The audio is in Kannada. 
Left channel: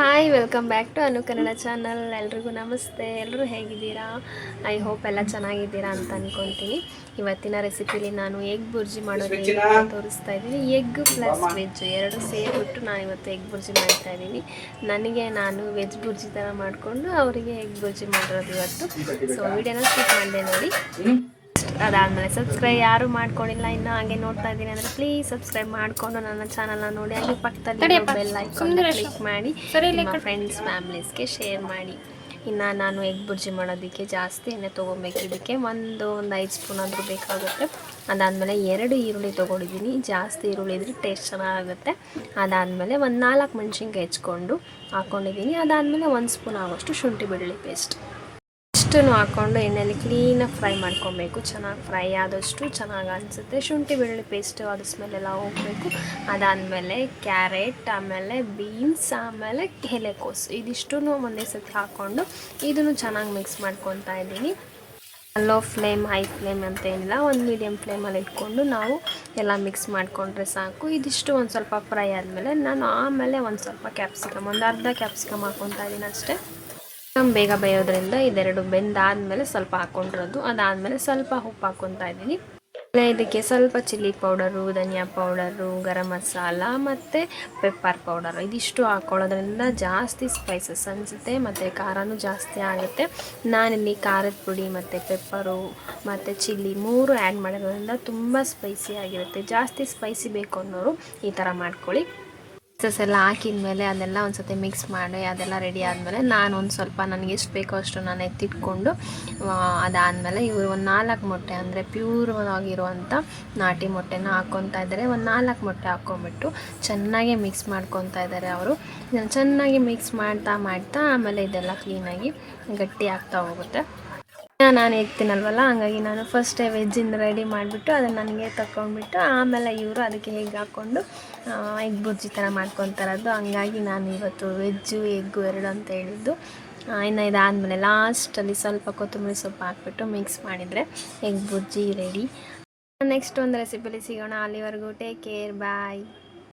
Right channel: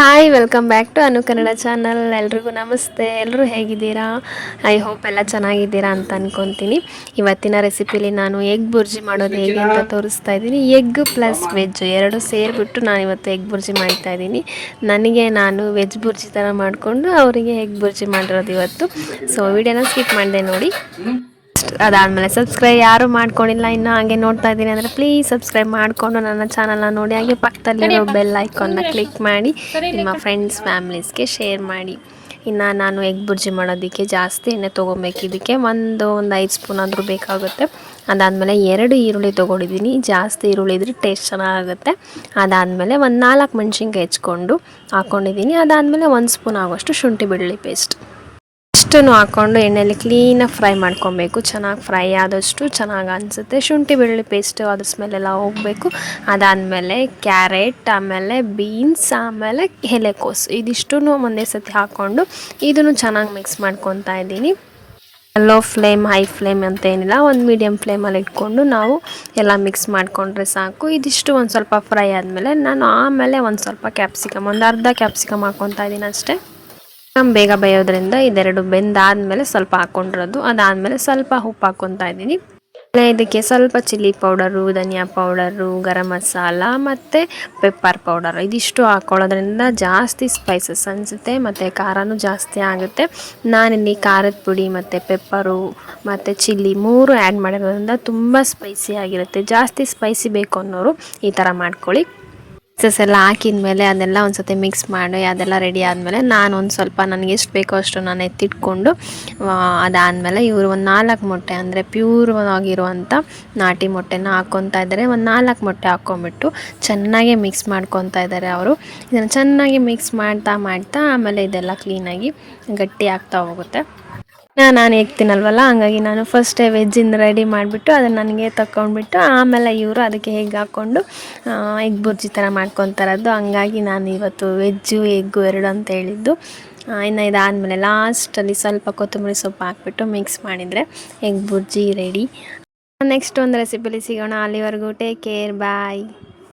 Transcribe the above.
Hi welcome back to Anu Kannada channel ಎಲ್ರಿಗೂ ನಮಸ್ತೆ. ಎಲ್ಲರೂ ಹೇಗಿದ್ದೀರಾ? ಐ ಹೋಪ್ ಎಲ್ಲ ಚೆನ್ನಾಗಿದ್ದೀರಾ ಅಂತ ಅನ್ಕೊತೀನಿ. ಇವತ್ತಿನ ರೆಸಿಪಿಲಿ ನಾನು ಎಗ್ ಬುರ್ಜಿ ಮಾಡೋದು ಹೇಗೆ ಅಂತ ತೋರಿಸ್ತಾ ಇದ್ದೀನಿ. ಎಗ್ ಪ್ಲಸ್ ವೆಜ್ ಎರಡು ಸೇರಿಬಿಟ್ಟು ನಾನು ಇವತ್ತು ಎಗ್ ಬುರ್ಜಿ ಮಾಡ್ತಾ ಇದ್ದೀನಿ. ನನಗೆ ನಾನು ವೆಜ್ ಬುರ್ಜಿ ಥರ ಮಾಡಿಕೊಂಡು ಅವರಿಗೆ ಎಗ್ ಬುರ್ಜಿ ಮಾಡಿರೋದು ಇವತ್ತು. ಸೊ ವಿಡಿಯೋನ ಸ್ಕಿಪ್ ಮಾಡಿದೆ ನೋಡಿ. ಅದಾದಮೇಲೆ ಸಬ್ಸ್ಕ್ರೈಬ್ ಯಾರು ಮಾಡ್ಕೊಂಡಿಲ್ಲ ಇನ್ನೂ ಹಾಗೆ ನೋಡ್ತಾ ಇದ್ದೀನಿ ಅಂದರೆ ಪ್ಲೀಸ್ ಸಬ್ಸ್ಕ್ರೈಬ್ ಮಾಡಿಕೊಂಡು ನನ್ನ ಚಾನಲ್ನ ನೋಡಿ. ಹಾಗೆ ಪಕ್ಕದಲ್ಲಿರೋ ಬೆಲ್ ಐಕಾನ್ನ ಕ್ಲಿಕ್ ಮಾಡಿ ನಿಮ್ಮ ಫ್ರೆಂಡ್ಸ್ ಫ್ಯಾಮ್ಲೀಸ್ಗೆ ಶೇರ್ ಮಾಡಿ. ಇನ್ನು ನಾನು ಎಗ್ ಬುರ್ಜಿ ಮಾಡೋದಕ್ಕೆ ಜಾಸ್ತಿ ಎಣ್ಣೆ ತೊಗೊಬೇಕು. ಇದಕ್ಕೆ ಒಂದು ಒಂದು ಐದು ಸ್ಪೂನ್ ಆದರೂ ಬೇಕಾಗುತ್ತೆ. ಅದಾದಮೇಲೆ ಎರಡು ಈರುಳ್ಳಿ ತೊಗೊಂಡಿದ್ದೀನಿ. ಜಾಸ್ತಿ ಈರುಳ್ಳಿ ಇದ್ರೆ ಟೇಸ್ಟ್ ಚೆನ್ನಾಗುತ್ತೆ ಅದಾದಮೇಲೆ ಒಂದು ನಾಲ್ಕು ಮೆಣಸಿನ್ಕಾಯಿ ಹೆಚ್ಕೊಂಡು ಹಾಕ್ಕೊಂಡಿದ್ದೀನಿ ಅದಾದಮೇಲೆ ಒಂದು ಸ್ಪೂನ್ ಆಗೋಷ್ಟು ಶುಂಠಿ ಬೆಳ್ಳುಳ್ಳಿ ಪೇಸ್ಟ್ ಇಷ್ಟನ್ನು ಹಾಕ್ಕೊಂಡು ಎಣ್ಣೆಯಲ್ಲಿ ಕ್ಲೀನಾಗಿ ಫ್ರೈ ಮಾಡ್ಕೊಬೇಕು. ಚೆನ್ನಾಗಿ ಫ್ರೈ ಆದಷ್ಟು ಚೆನ್ನಾಗಿ ಅನಿಸುತ್ತೆ. ಶುಂಠಿ ಬೆಳ್ಳುಳ್ಳಿ ಪೇಸ್ಟು ಅದ್ರ ಸ್ಮೆಲ್ಲೆಲ್ಲ ಹೋಗಬೇಕು. ಅದಾದಮೇಲೆ ಕ್ಯಾರೆಟ್ ಆಮೇಲೆ ಬೀನ್ಸ್ ಆಮೇಲೆ ಎಲೆಕೋಸು. ಇದಿಷ್ಟು ಒಂದೇ ಸತಿ ಹಾಕ್ಕೊಂಡು ಇದನ್ನು ಚೆನ್ನಾಗಿ ಮಿಕ್ಸ್ ಮಾಡ್ಕೊತಾ ಇದ್ದೀನಿ. ಲೋ ಫ್ಲೇಮ್ ಹೈ ಫ್ಲೇಮ್ ಅಂತ ಏನಿಲ್ಲ. ಒಂದು ಮೀಡಿಯಮ್ ಫ್ಲೇಮಲ್ಲಿ ಇಟ್ಕೊಂಡು ನಾವು ಎಲ್ಲ ಮಿಕ್ಸ್ ಮಾಡಿಕೊಂಡ್ರೆ ಸಾಕು. ಇದಿಷ್ಟು ಒಂದು ಸ್ವಲ್ಪ ಫ್ರೈ ಆದಮೇಲೆ ನಾನು ಆಮೇಲೆ ಒಂದು ಸ್ವಲ್ಪ ಕ್ಯಾಪ್ಸಿಕಮ್ ಒಂದು ಅರ್ಧ ಕ್ಯಾಪ್ಸಿಕಮ್ ಹಾಕ್ಕೊತಾ ಇದ್ದೀನಿ ಅಷ್ಟೇ. ಬೇಗ ಬೇಯೋದ್ರಿಂದ ಇದೆರಡು ಬೆಂದಾದ್ಮೇಲೆ ಸ್ವಲ್ಪ ಹಾಕೊಂಡಿರೋದು. ಅದಾದಮೇಲೆ ಸ್ವಲ್ಪ ಉಪ್ಪು ಹಾಕ್ಕೊತಾ ಇದ್ದೀನಿ. ಇದಕ್ಕೆ ಸ್ವಲ್ಪ ಚಿಲ್ಲಿ ಪೌಡರು, ಧನಿಯಾ ಪೌಡರು, ಗರಂ ಮಸಾಲ ಮತ್ತು ಪೆಪ್ಪರ್ ಪೌಡರ್. ಇದಿಷ್ಟು ಹಾಕ್ಕೊಳ್ಳೋದ್ರಿಂದ ಜಾಸ್ತಿ ಸ್ಪೈಸಸ್ ಅನಿಸುತ್ತೆ ಮತ್ತು ಖಾರನೂ ಜಾಸ್ತಿ ಆಗುತ್ತೆ. ನಾನಿಲ್ಲಿ ಖಾರದ ಪುಡಿ ಮತ್ತು ಪೆಪ್ಪರು ಮತ್ತು ಚಿಲ್ಲಿ ಮೂರು ಆ್ಯಡ್ ಮಾಡಿರೋದ್ರಿಂದ ತುಂಬ ಸ್ಪೈಸಿ ಆಗಿರುತ್ತೆ. ಜಾಸ್ತಿ ಸ್ಪೈಸಿ ಬೇಕು ಅನ್ನೋರು ಈ ಥರ ಮಾಡ್ಕೊಳ್ಳಿ. ಸ್ಪೈಸಸ್ ಎಲ್ಲ ಹಾಕಿದ ಮೇಲೆ ಅದೆಲ್ಲ ಒಂದು ಸತಿ ಮಿಕ್ಸ್ ಮಾಡಿ ಅದೆಲ್ಲ ರೆಡಿ ಆದಮೇಲೆ ನಾನು ಒಂದು ಸ್ವಲ್ಪ ನನಗೆ ಎಷ್ಟು ಬೇಕೋ ಅಷ್ಟು ನಾನು ಎತ್ತಿಟ್ಕೊಂಡು ಅದಾದಮೇಲೆ ಇವರು ಒಂದು ನಾಲ್ಕು ಮೊಟ್ಟೆ ಅಂದರೆ ಪ್ಯೂರ್ ಆಗಿರುವಂಥ ನಾಟಿ ಮೊಟ್ಟೆನ ಹಾಕ್ಕೊತಾ ಇದ್ದಾರೆ ಒಂದು ನಾಲ್ಕು ಮೊಟ್ಟೆ ಹಾಕ್ಕೊಂಬಿಟ್ಟು ಚೆನ್ನಾಗಿ ಮಿಕ್ಸ್ ಮಾಡ್ಕೊತಾ ಇದ್ದಾರೆ ಅವರು. ಇದನ್ನು ಚೆನ್ನಾಗಿ ಮಿಕ್ಸ್ ಮಾಡ್ತಾ ಮಾಡ್ತಾ ಆಮೇಲೆ ಇದೆಲ್ಲ ಕ್ಲೀನಾಗಿ ಗಟ್ಟಿ ಆಗ್ತಾ ಹೋಗುತ್ತೆ. ನಾನು ಹೇಗ್ತೀನಲ್ವಲ್ಲ ಹಂಗಾಗಿ ನಾನು ಫಸ್ಟೇ ವೆಜ್ಜಿಂದ ರೆಡಿ ಮಾಡಿಬಿಟ್ಟು ಅದನ್ನು ನನಗೆ ತಗೊಂಡ್ಬಿಟ್ಟು ಆಮೇಲೆ ಇವರು ಅದಕ್ಕೆ ಹೇಗೆ ಹಾಕ್ಕೊಂಡು ಎಗ್ ಬುರ್ಜಿ ಥರ ಮಾಡ್ಕೊತಾರದ್ದು ಹಂಗಾಗಿ ನಾನು ಇವತ್ತು ವೆಜ್ಜು ಎಗ್ಗು ಎರಡು ಅಂತ ಹೇಳಿದ್ದು. ಇನ್ನು ಇದಾದಮೇಲೆ ಲಾಸ್ಟಲ್ಲಿ ಸ್ವಲ್ಪ ಕೊತ್ತಂಬರಿ ಸೊಪ್ಪು ಹಾಕ್ಬಿಟ್ಟು ಮಿಕ್ಸ್ ಮಾಡಿದರೆ ಎಗ್ ಬುರ್ಜಿ ರೆಡಿ ನೆಕ್ಸ್ಟ್ ಒಂದು ರೆಸಿಪಿಲಿ ಸಿಗೋಣ. ಅಲ್ಲಿವರೆಗೂ ಟೇಕ್ ಕೇರ್ ಬಾಯ್